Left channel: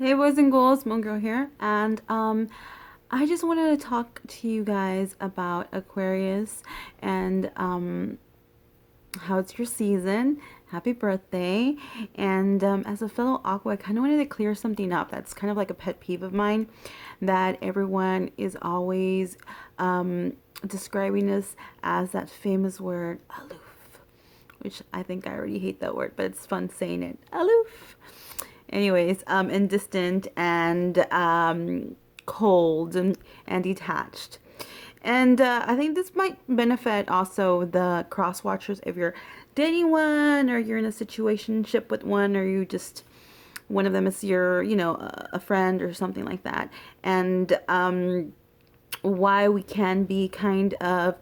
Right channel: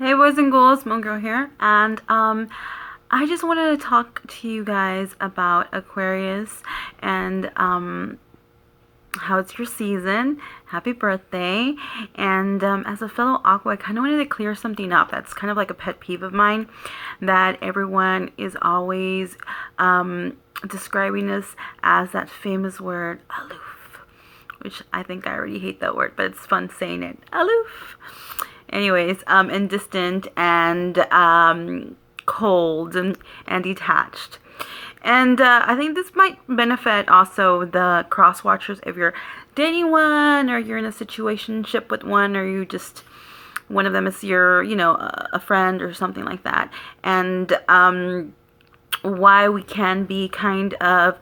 Hey boys and girls, Moon Girl here, and I just wanted to talk to you guys about Aquarius and how it's your season. Happy birthday! And as a fellow Aqua, I kind of wanted to clear something up. That's kind of like a pet peeve of mine, that everyone is always describing us as that famous word aloof, which I think I already hate that word, but it's fun saying it. Aloof. Anyways, and distant and cold and detached. And I think this might benefit also the cross watchers if you're dating one, or you're in a situationship with one, or you just one of them is your, a friend or something like that. And why we can be kind of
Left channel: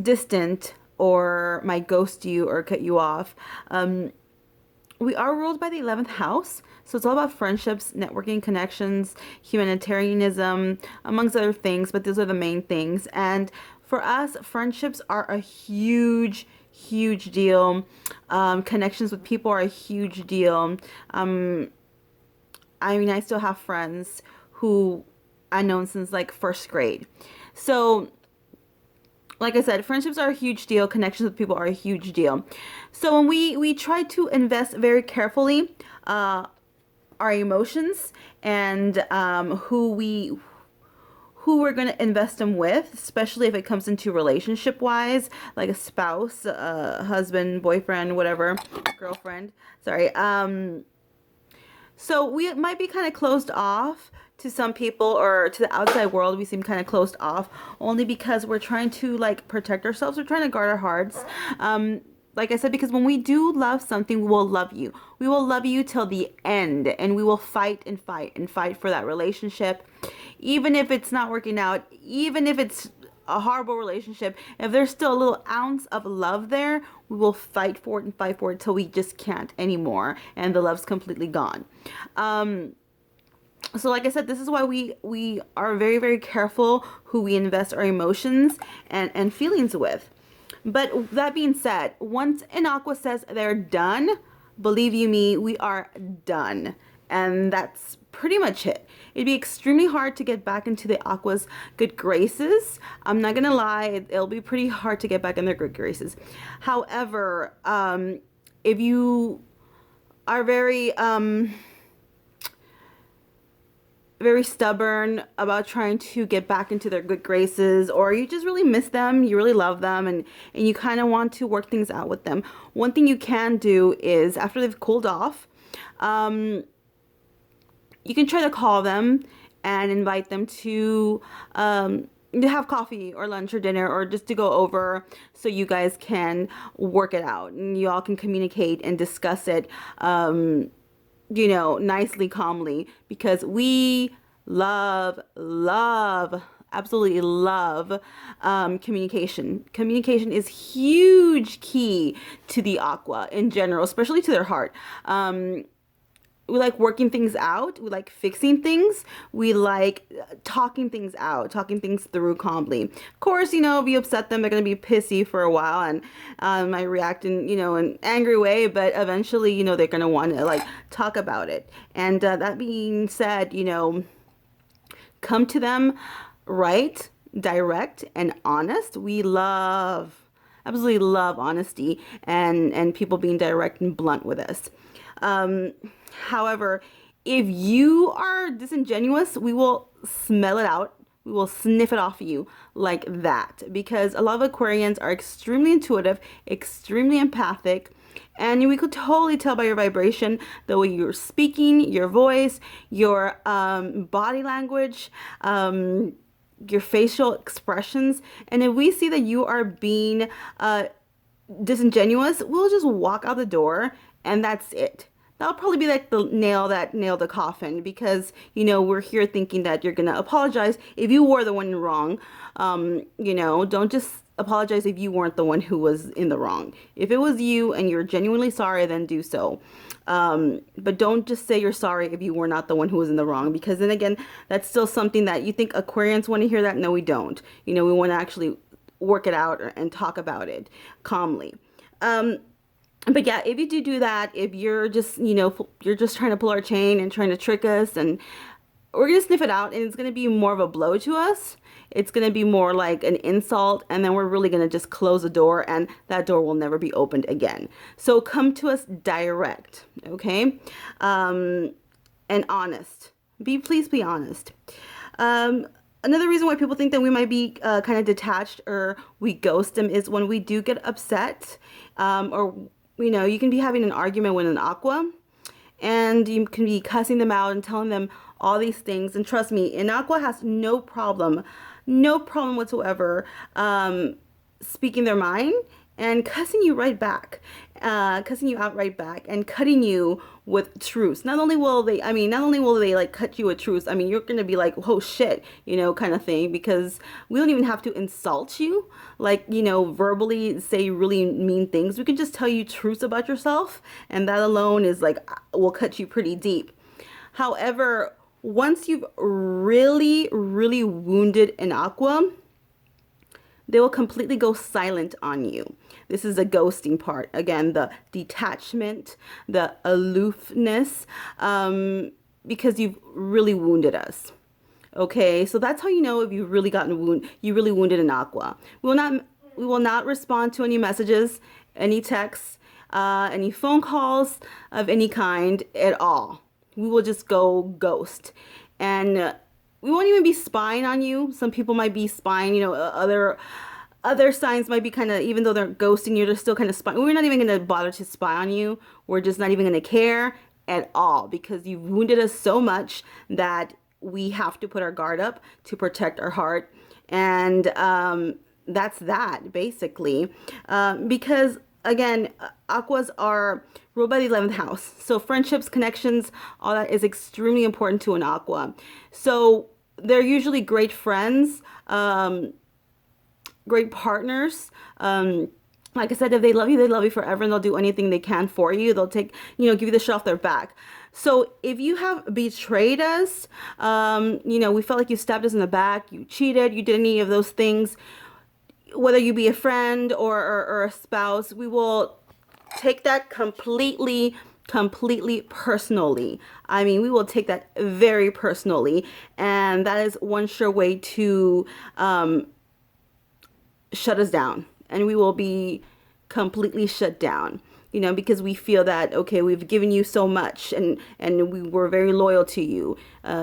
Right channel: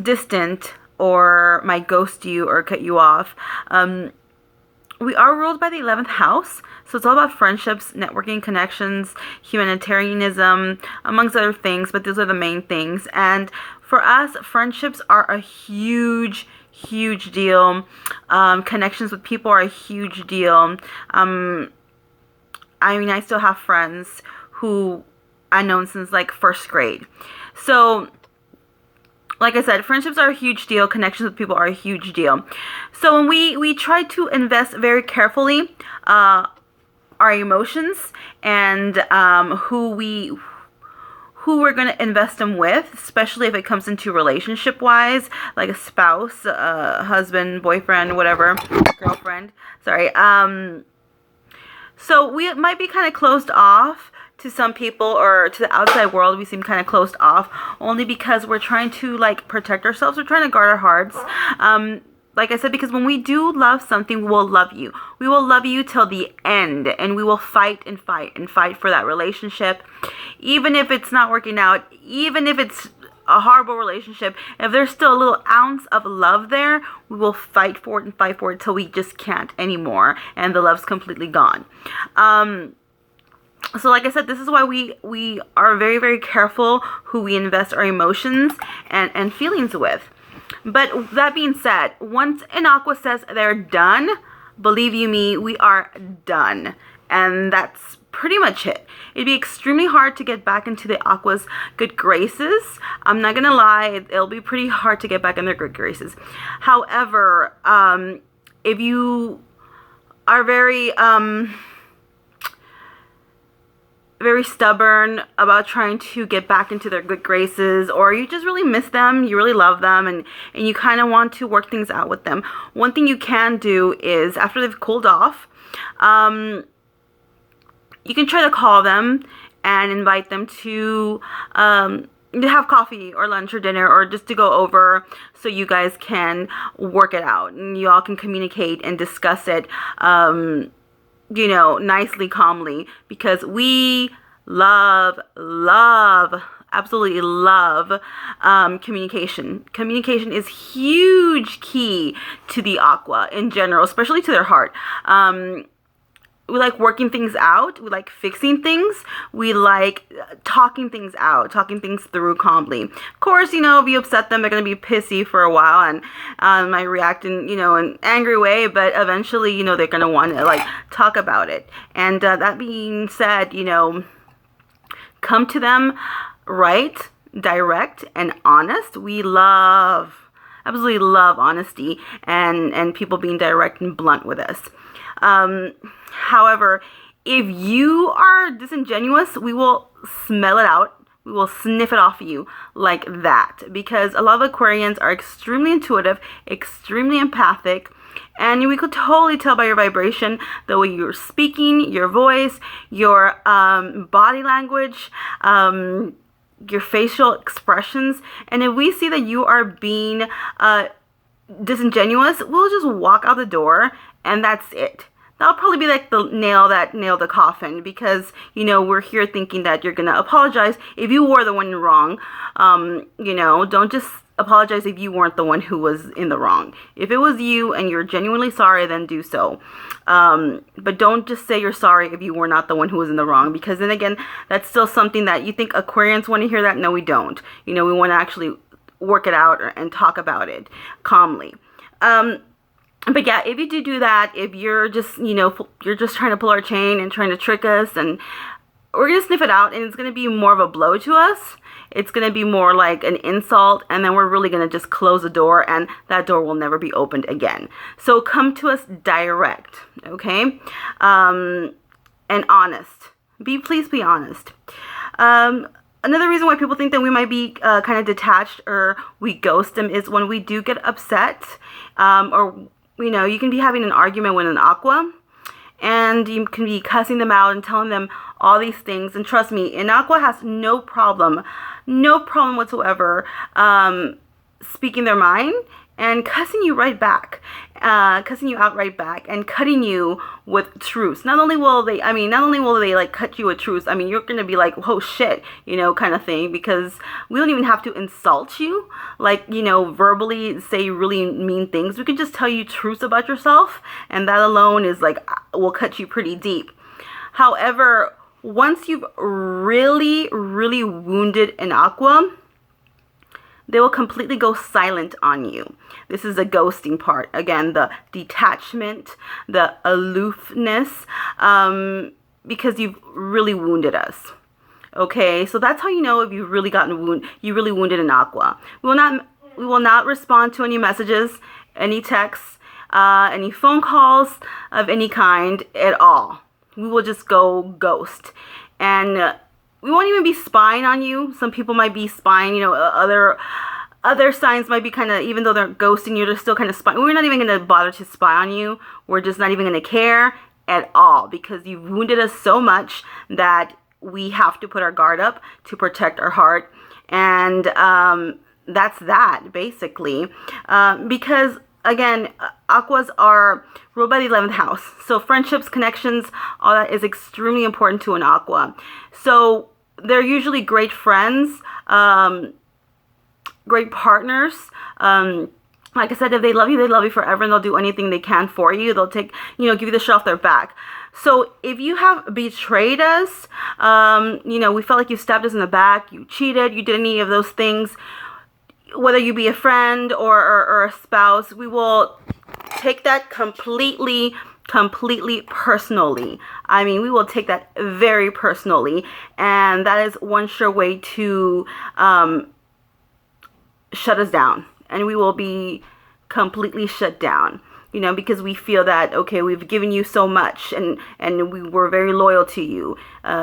distant, or might ghost you or cut you off. We are ruled by the 11th house, so it's all about friendships, networking, connections, humanitarianism, amongst other things, but those are the main things. And for us, friendships are a huge, huge deal. Connections with people are a huge deal. I still have friends who I've known since like first grade. So like I said, friendships are a huge deal. Connections with people are a huge deal. So when we try to invest very carefully our emotions and who we're going to invest them with, especially if it comes into relationship wise, like a spouse, husband, boyfriend, whatever, girlfriend. Sorry. So we might be kind of closed off to some people, or to the outside world. We seem kind of closed off only because we're trying to like protect ourselves. We're trying to guard our hearts. Like I said, because when we do love something, we will love you. We will love you till the end, and we will fight and fight and fight for that relationship. Even if it's not working out, even if it's a horrible relationship, if there's still a little ounce of love there, we will fight for it and fight for it till we just can't anymore, and the love's completely gone. So like I said, this is why we are very, very careful who we invest our emotions and feelings with. But that being said, once an Aqua says they're done, believe you me, we are done. And that's pretty much it. It'd be extremely hard to get back into the Aqua's good graces. I'm not gonna lie, it'll be pretty hard to get back in their good graces. However, if you are very stubborn about trying to get back into their good graces, or you just really miss them, you really love them, and you kind of want to work things out with them, one thing you can do is, after they've cooled off, you can try to call them and invite them to have coffee or lunch or dinner, or just to go over so you guys can work it out and you all can communicate and discuss it nicely, calmly, because we absolutely love communication. Communication is huge key to the Aqua in general, especially to their heart. We like working things out. We like fixing things. We like talking things out, talking things through calmly. Of course, if you upset them, they're going to be pissy for a while and might react in, an angry way. But eventually, they're going to want to like talk about it. And that being said, come to them right, direct, and honest. We absolutely love honesty and people being direct and blunt with us. However, if you are disingenuous, we will smell it out. We will sniff it off of you like that, because a lot of Aquarians are extremely intuitive, extremely empathic, and we could totally tell by your vibration, the way you're speaking, your voice, your body language, your facial expressions. And if we see that you are being disingenuous, we'll just walk out the door, and that's it. That'll probably be like the nail that nailed the coffin, because, we're here thinking that you're going to apologize if you were the one wrong. Don't just apologize if you weren't the one who was in the wrong. If it was you and you're genuinely sorry, then do so. But don't just say you're sorry if you were not the one who was in the wrong, because then again, that's still something that you think Aquarians want to hear that. No, we don't. We want to actually work it out and talk about it calmly. But yeah, if you do that, if you're just, you're just trying to pull our chain and trying to trick us, and we're gonna sniff it out, and it's gonna be more of a blow to us. It's gonna be more like an insult, and then we're really gonna just close the door, and that door will never be opened again. So come to us direct, okay? And honest. Please be honest. Another reason why people think that we might be kind of detached or we ghost them is when we do get upset, or you can be having an argument with an aqua, and you can be cussing them out and telling them all these things. And trust me, an aqua has no problem whatsoever speaking their mind and cussing you right back, cussing you out right back, and cutting you with truths. Not only will they like cut you with truths, you're gonna be like, oh shit, kind of thing, because we don't even have to insult you, like, verbally say really mean things. We can just tell you truths about yourself, and that alone is like, will cut you pretty deep. However, once you've really, really wounded an aqua, they will completely go silent on you. This is the ghosting part. Again, the detachment, the aloofness, because you've really wounded us. Okay, so that's how you know if you've really you really wounded an aqua. We will not respond to any messages, any texts, any phone calls of any kind at all. We will just go ghost. And we won't even be spying on you. Some people might be spying, other signs might be kind of, even though they're ghosting you, they're still kind of spying. We're not even going to bother to spy on you. We're just not even going to care at all, because you've wounded us so much that we have to put our guard up to protect our heart. And that's that, basically. Because, again, aquas are ruled by the 11th house. So friendships, connections, all that is extremely important to an aqua. So they're usually great friends, great partners. Like I said, if they love you forever, and they'll do anything they can for you. They'll take, give you the shirt off their back. So if you have betrayed us, we felt like you stabbed us in the back, you cheated, you did any of those things, whether you be a friend or a spouse, we will take that completely personally. We will take that very personally, and that is one sure way to shut us down, and we will be completely shut down, because we feel that, okay, we've given you so much, and we were very loyal to you,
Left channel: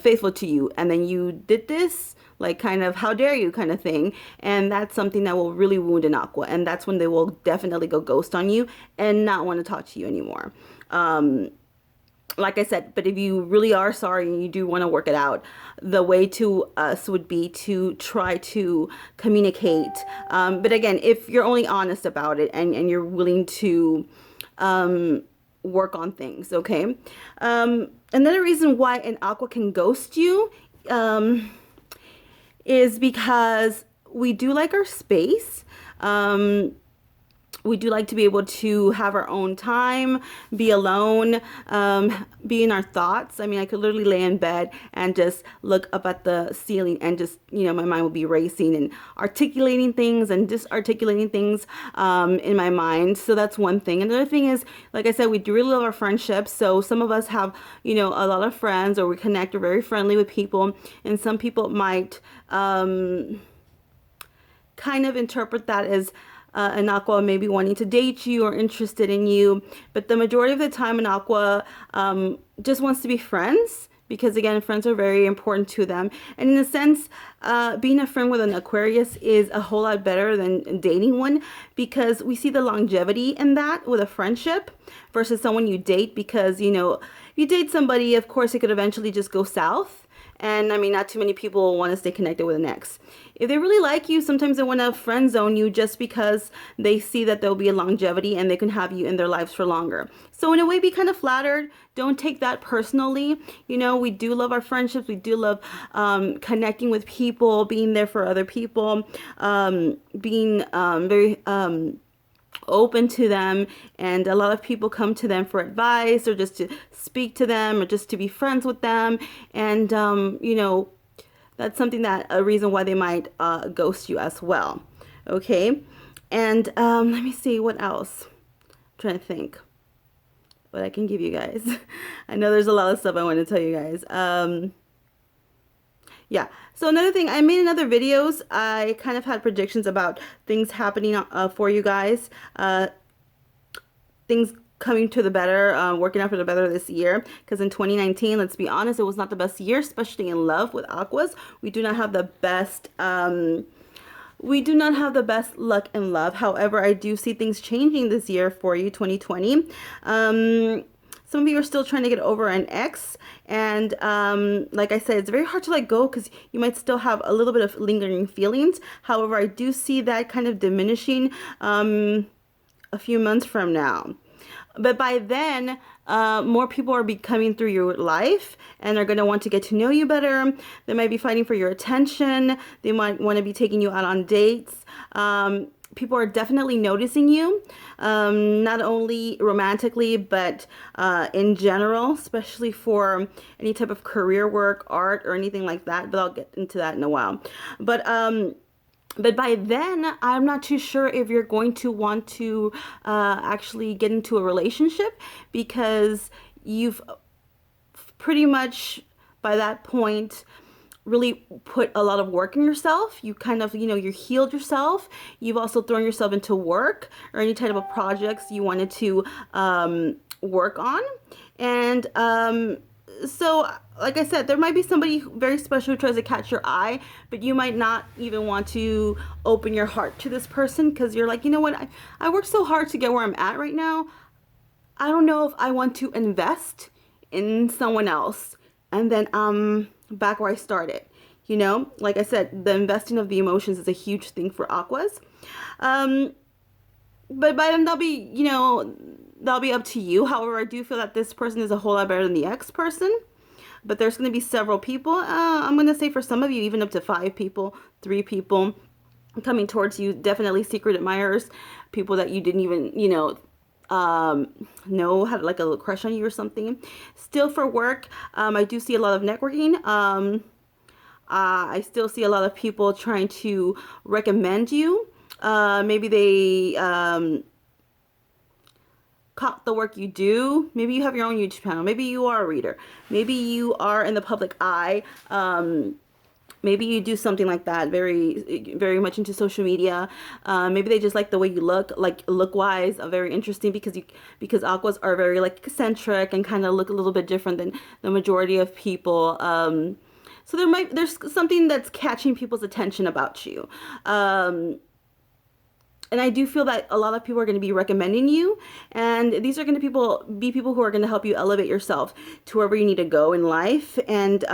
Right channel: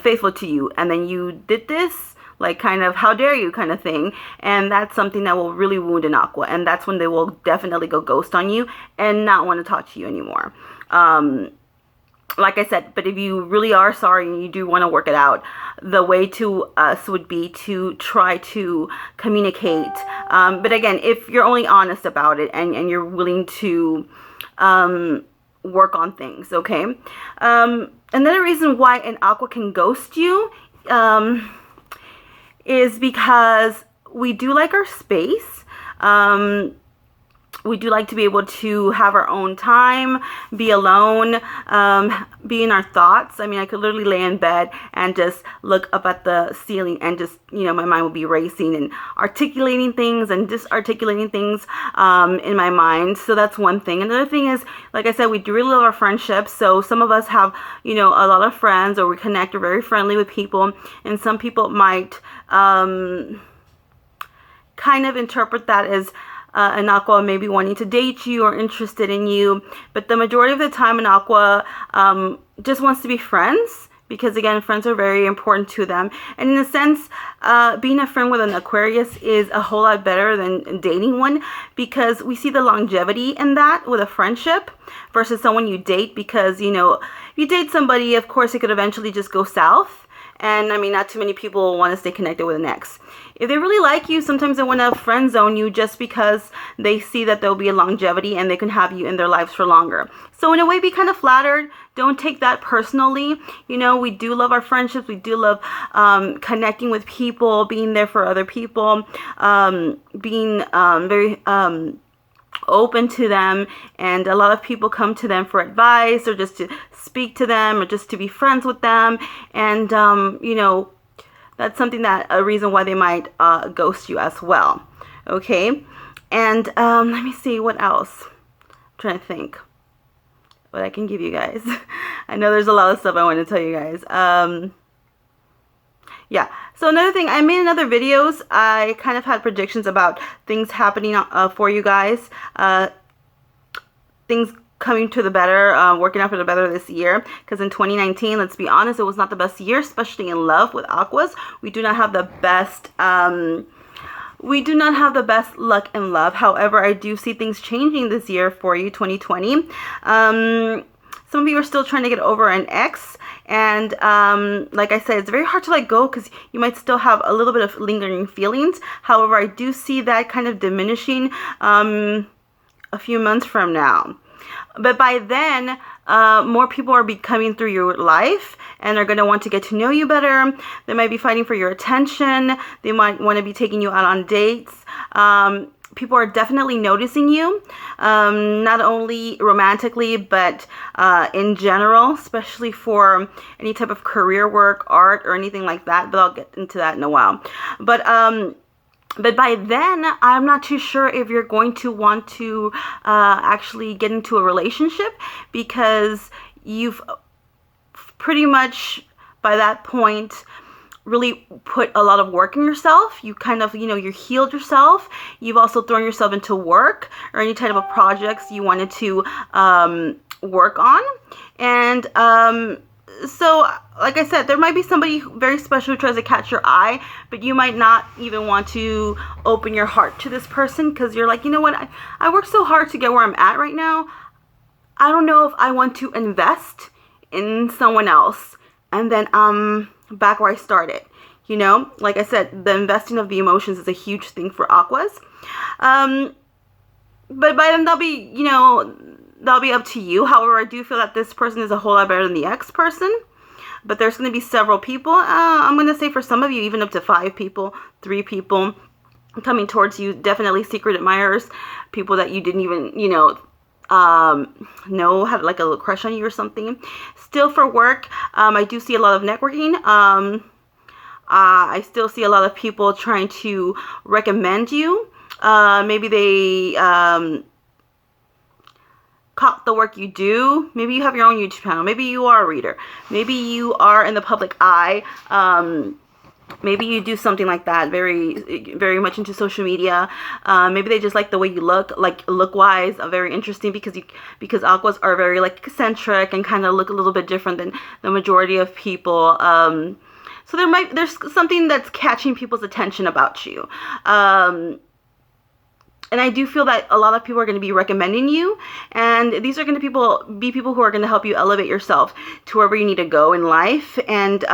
faithful to you, and then you did this, like, kind of, how dare you kind of thing. And that's something that will really wound an aqua, and that's when they will definitely go ghost on you and not want to talk to you anymore. Like I said, but if you really are sorry and you do want to work it out, the way to us would be to try to communicate. But again, if you're only honest about it, and you're willing to work on things, okay? Another reason why an aqua can ghost you is because we do like our space. We do like to be able to have our own time, be alone, be in our thoughts. I could literally lay in bed and just look up at the ceiling, and just, my mind will be racing and articulating things and disarticulating things in my mind. So that's one thing. Another thing is, like I said, we do really love our friendships. So some of us have, a lot of friends, or we connect, we're very friendly with people. And some people might kind of interpret that as an aqua maybe wanting to date you or interested in you. But the majority of the time, an aqua just wants to be friends, because, again, friends are very important to them. And in a sense, being a friend with an Aquarius is a whole lot better than dating one, because we see the longevity in that with a friendship versus someone you date. Because, if you date somebody, of course, it could eventually just go south. And not too many people want to stay connected with an ex. If they really like you, sometimes they want to friend zone you just because they see that there'll be a longevity and they can have you in their lives for longer. So in a way, be kind of flattered. Don't take that personally. We do love our friendships. We do love connecting with people, being there for other people, being very open to them. And a lot of people come to them for advice, or just to speak to them, or just to be friends with them. And, that's something that a reason why they might ghost you as well. Okay. And let me see what else. trying to think what I can give you guys. I know there's a lot of stuff I want to tell you guys. Yeah. So another thing, I made another videos. I kind of had predictions about things happening for you guys. Things coming to the better, working out for the better this year. Because in 2019, let's be honest, it was not the best year, especially in love with Aquas. We do not have the best. We do not have the best luck in love. However, I do see things changing this year for you, 2020. Some of you are still trying to get over an ex. And like I said, it's very hard to let go because you might still have a little bit of lingering feelings. However, I do see that kind of diminishing a few months from now. But by then, more people are coming through your life and they're going to want to get to know you better. They might be fighting for your attention. They might want to be taking you out on dates. People are definitely noticing you, not only romantically, but in general, especially for any type of career work, art, or anything like that. But I'll get into that in a while. But by then, I'm not too sure if you're going to want to actually get into a relationship, because you've pretty much, by that point, really put a lot of work in yourself. You kind of, you healed yourself. You've also thrown yourself into work or any type of projects you wanted to work on. And so, like I said, there might be somebody very special who tries to catch your eye, but you might not even want to open your heart to this person because you're like, you know what, I worked so hard to get where I'm at right now. I don't know if I want to invest in someone else and then back where I started. Like I said, the investing of the emotions is a huge thing for Aquas. But by then that'll be up to you. However, I do feel that this person is a whole lot better than the ex person. But there's going to be several people. I'm going to say for some of you, even up to 5 people, 3 people coming towards you. Definitely secret admirers, people that you didn't even, know had like a little crush on you or something. Still for work, I do see a lot of networking. I still see a lot of people trying to recommend you. Maybe they caught the work you do. Maybe you have your own YouTube channel. Maybe you are a reader. Maybe you are in the public eye. Maybe you do something like that, very, very much into social media. Maybe they just like the way you look, like look-wise, very interesting because Aquas are very like eccentric and kind of look a little bit different than the majority of people. So there's something that's catching people's attention about you. And I do feel that a lot of people are going to be recommending you. And these are going to be people who are going to help you elevate yourself to wherever you need to go in life. And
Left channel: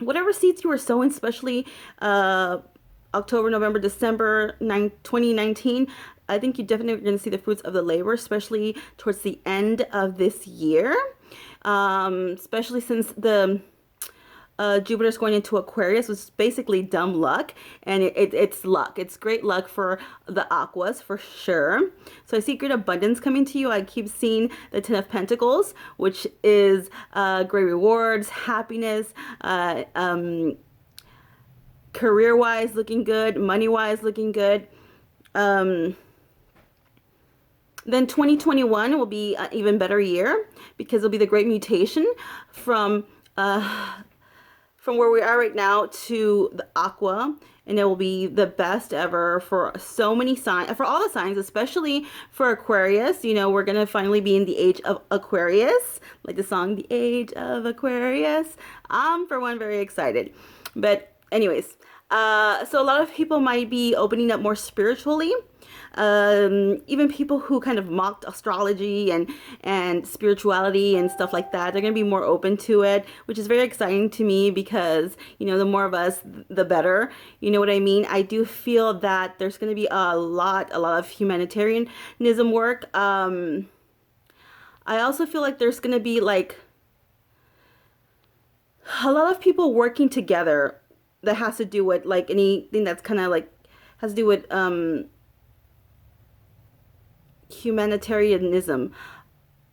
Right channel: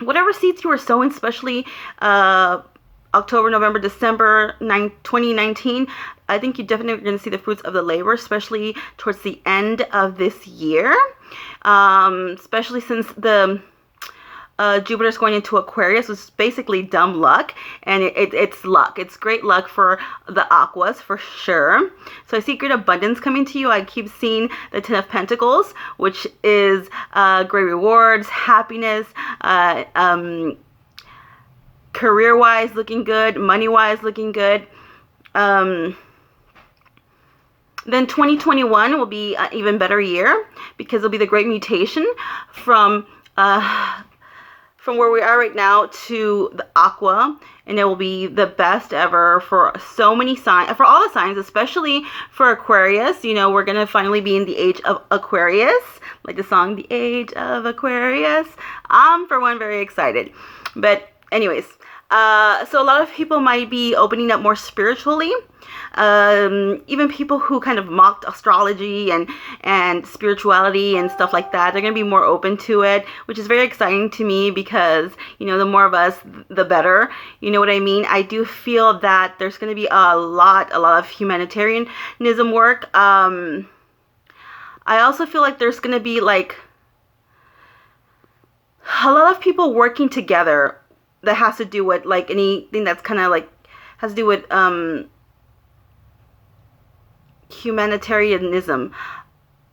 whatever seeds you were sowing, especially October, November, December 2019, I think you definitely are going to see the fruits of the labor, especially towards the end of this year. Especially since the Jupiter's going into Aquarius, which is basically dumb luck, and it's luck. It's great luck for the Aquas for sure. So I see great abundance coming to you. I keep seeing the 10 of Pentacles, which is great rewards, happiness, career-wise looking good, money-wise looking good. Then 2021 will be an even better year because it'll be the great mutation from where we are right now to the Aqua, and it will be the best ever for so many signs, for all the signs, especially for Aquarius. We're going to finally be in the age of Aquarius, like the song, The Age of Aquarius. I'm, for one, very excited. But anyways, so a lot of people might be opening up more spiritually. Even people who kind of mocked astrology and spirituality and stuff like that, they're going to be more open to it, which is very exciting to me because, the more of us, the better. You know what I mean? I do feel that there's going to be a lot of humanitarianism work. I also feel like there's going to be like a lot of people working together that has to do with like anything that's kind of like has to do with humanitarianism.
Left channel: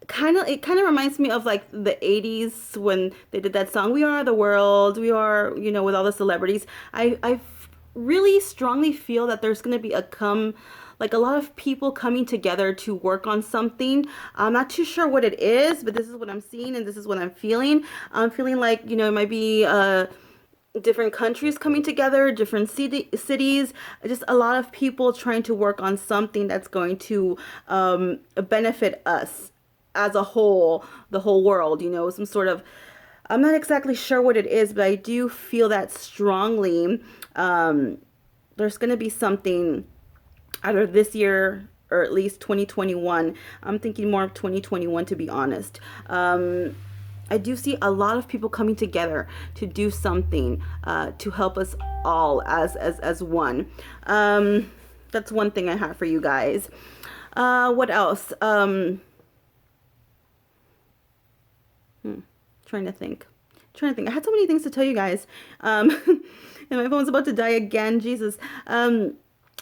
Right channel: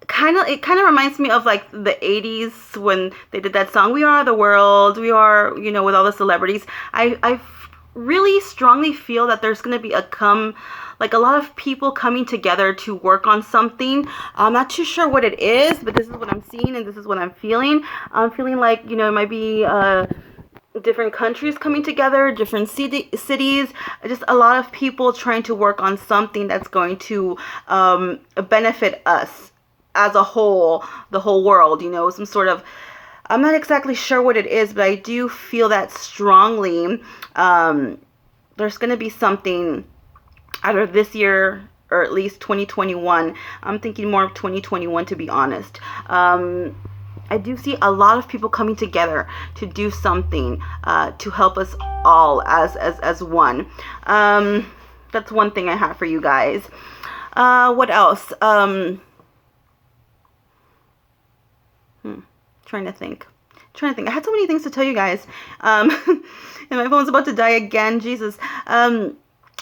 It kind of reminds me of like the 80s when they did that song, We Are the World, we are, with all the celebrities. I really strongly feel that there's going to be a come like a lot of people coming together to work on something. I'm not too sure what it is, but this is what I'm seeing and this is what I'm feeling. I'm feeling like, you know, it might be different countries coming together, different cities, just a lot of people trying to work on something that's going to benefit us as a whole, the whole world, you know, some sort of, I'm not exactly sure what it is, but I do feel that strongly. There's going to be something either this year or at least 2021. I'm thinking more of 2021, to be honest. I do see a lot of people coming together to do something to help us all as one. That's one thing I have for you guys. What else? Trying to think. I had so many things to tell you guys. And my phone's about to die again. Jesus.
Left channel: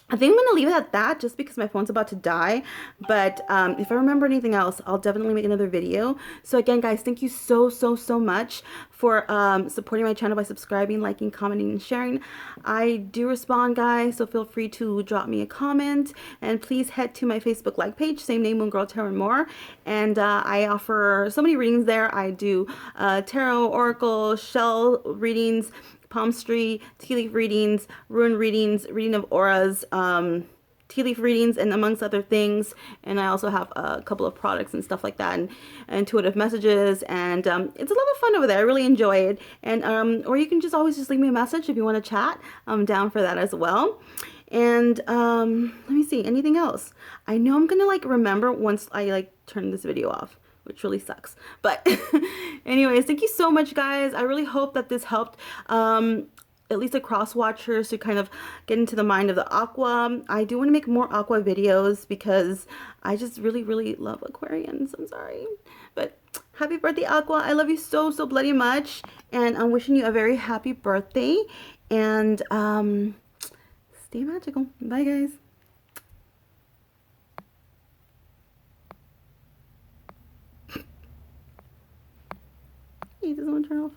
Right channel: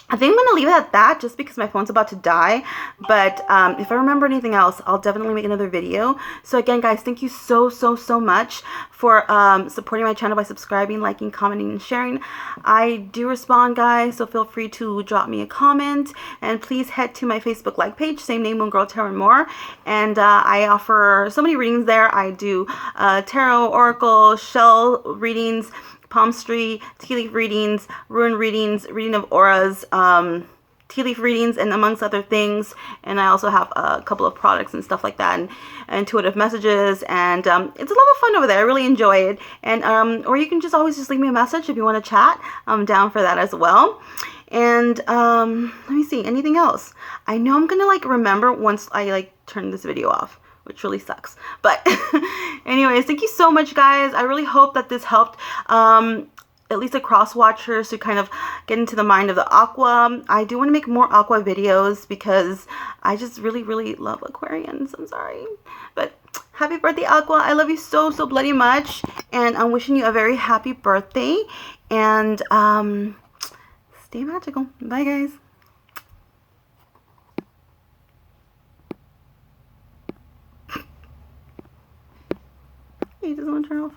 I think I'm going to leave it at that just because my phone's about to die. But if I remember anything else, I'll definitely make another video. So again, guys, thank you so much for supporting my channel by subscribing, liking, commenting, and sharing. I do respond, guys, so feel free to drop me a comment. And please head to my Facebook like page, same name, Moon Girl Tarot and More. And I offer so many readings there. I do tarot, oracle, shell readings, palmistry, tea leaf readings, rune readings, reading of auras, tea leaf readings, and amongst other things. And I also have a couple of products and stuff like that, and intuitive messages, and it's a lot of fun over there. I really enjoy it. And or you can just always just leave me a message if you want to chat. I'm down for that as well. And let me see, anything else? I know I'm gonna like remember once I like turn this video off, which really sucks. But anyways, thank you so much, guys. I really hope that this helped at least the cross watchers to kind of get into the mind of the aqua. I do want to make more aqua videos because I just really love Aquarians. I'm sorry. But happy birthday, Aqua. I love you so bloody much. And I'm wishing you a very happy birthday. And stay magical. Bye, guys. He doesn't want to turn off.